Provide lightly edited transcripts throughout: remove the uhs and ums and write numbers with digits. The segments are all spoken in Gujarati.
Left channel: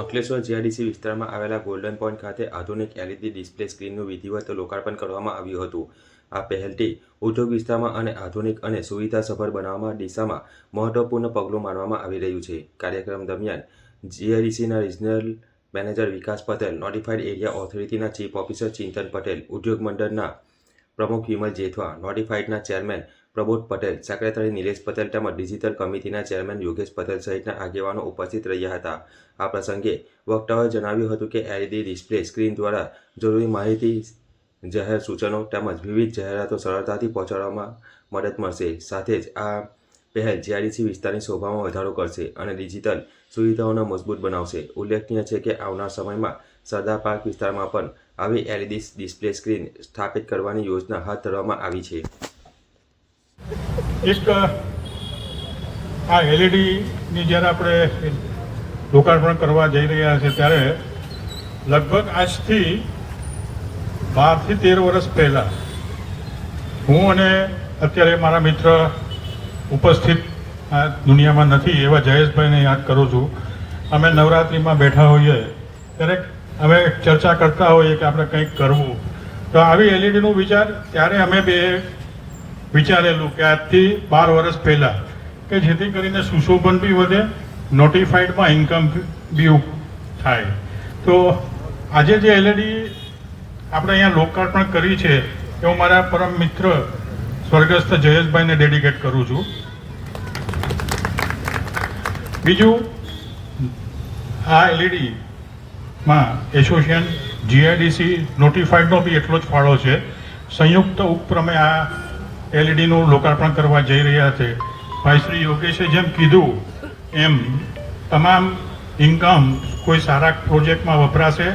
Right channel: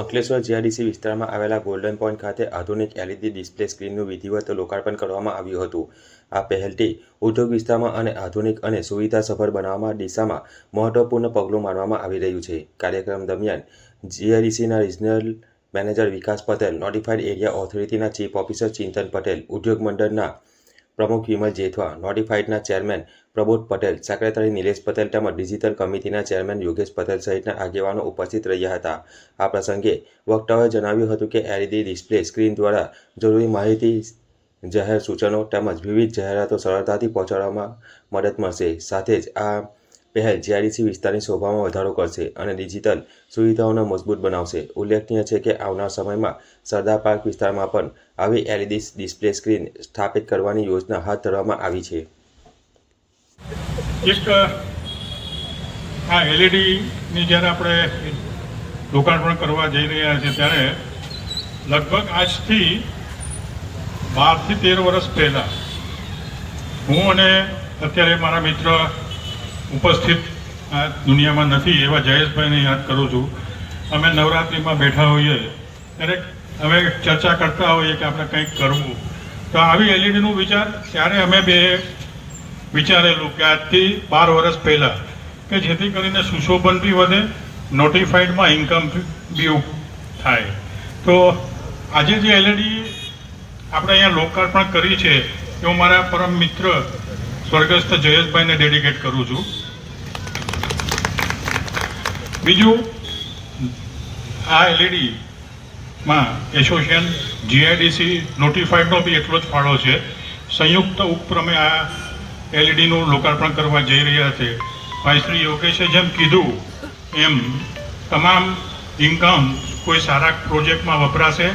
અંકલેશ્વર જીઆઈડીસી વિસ્તારમાં આવેલા ગોલ્ડન પોઈન્ટ ખાતે આધુનિક એલઈડી ડિસ્પ્લે સ્ક્રીનનું વિધિવત લોકાર્પણ કરવામાં આવ્યું હતું. આ પહેલથી ઉદ્યોગ વિસ્તારમાં અને આધુનિક અને સુવિધાસભર બનાવવા દિશામાં મહત્વપૂર્ણ પગલું માનવામાં આવી રહ્યું છે. કાર્યક્રમ દરમિયાન જીઆઈડીસીના regional manager Vikas Patel, notified area ઓથોરિટીના ચીફ ઓફિસર ચિંતન પટેલ, ઉદ્યોગ મંડળના પ્રમુખ વિમલ જેઠવા, નોટિફાઈડના ચેરમેન પ્રબોધ પટેલ, સેક્રેટરી નિલેશ પટેલ તેમજ ડિજિટલ કમિટીના ચેરમેન યોગેશ પટેલ સહિતના આગેવાનો ઉપસ્થિત રહ્યા હતા. આ પ્રસંગે વક્તાઓએ જણાવ્યું હતું કે એલઈડી ડિસ્પ્લે સ્ક્રીન દ્વારા જરૂરી માહિતી, જાહેર સૂચનો તેમજ વિવિધ જાહેરાતો સરળતાથી પહોંચાડવામાં મદદ મળશે. સાથે જ આ પહેલ જીઆઈડીસી વિસ્તારની શોભામાં વધારો કરશે અને ડિજિટલ સુવિધાઓને મજબૂત બનાવશે. ઉલ્લેખનીય છે કે આવનાર સમયમાં સરદાર પાર્ક વિસ્તારમાં પણ આવી એલઈડી ડિસ્પ્લે સ્ક્રીન સ્થાપિત કરવાની યોજના હાથ ધરવામાં આવી છે. એક આ એલઈડીની જ્યારે આપણે લોકાર્પણ કરવા જઈ રહ્યા છે ત્યારે લગભગ આજથી 12 થી 13 વર્ષ પહેલાં હું અને અત્યારે મારા મિત્ર ઉપસ્થિત આ દુનિયામાં નથી એવા જયેશભાઈને યાદ કરું છું. અમે નવરાત્રિમાં બેઠા હોઈએ ત્યારે અમે ચર્ચા કરતા હોઈએ કે આપણે કંઈક કરવું, તો આવી એલઈડીનો વિચાર ત્યારે અમે બે વિચારેલું કે આજથી 12 વર્ષ પહેલાં કે જેથી કરીને સુશોભન બી વધે, નોટિફાઈડમાં ઇન્કમ બી થાય. તો આજે જે એલઈડી આપણે અહીંયા લોકાર્પણ કરી છે એ હું મારા પરમ મિત્ર સ્વર્ગસ્થ જયેશભાઈને ડેડિકેટ કરું છું. બીજું, આ એલઈડીમાં એસોસિએશન જીઆઈડીસી નોટિફાઈડનો બી એટલો જ ફાળો છે. સંયુક્ત ઉપક્રમે આ એલઈડીનું લોકાર્પણ કરવા જઈ રહ્યા છે. ભાઈ શ્રી યોગેશે જેમ કીધું એમ તમામ ઇન્કમ કોઈ સારા પ્રોજેક્ટમાં વપરાશે,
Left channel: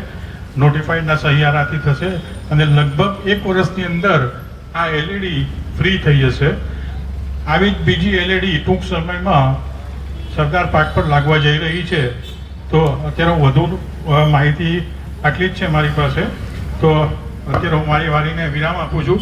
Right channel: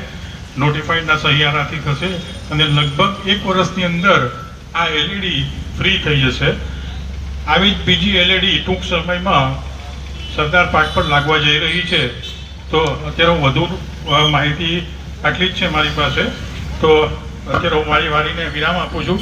નોટિફાઈડના સહિયારાથી થશે અને લગભગ 1 વર્ષની અંદર આ એલઈડી ફ્રી થઈ જશે. આવી જ બીજી એલઈડી ટૂંક સમયમાં સરદાર પાર્ક પર લાગવા જઈ રહી છે. તો અત્યારે વધુ માહિતી આટલી જ છે મારી પાસે. તો અત્યારે હું મારી વારીને વિરામ આપું છું.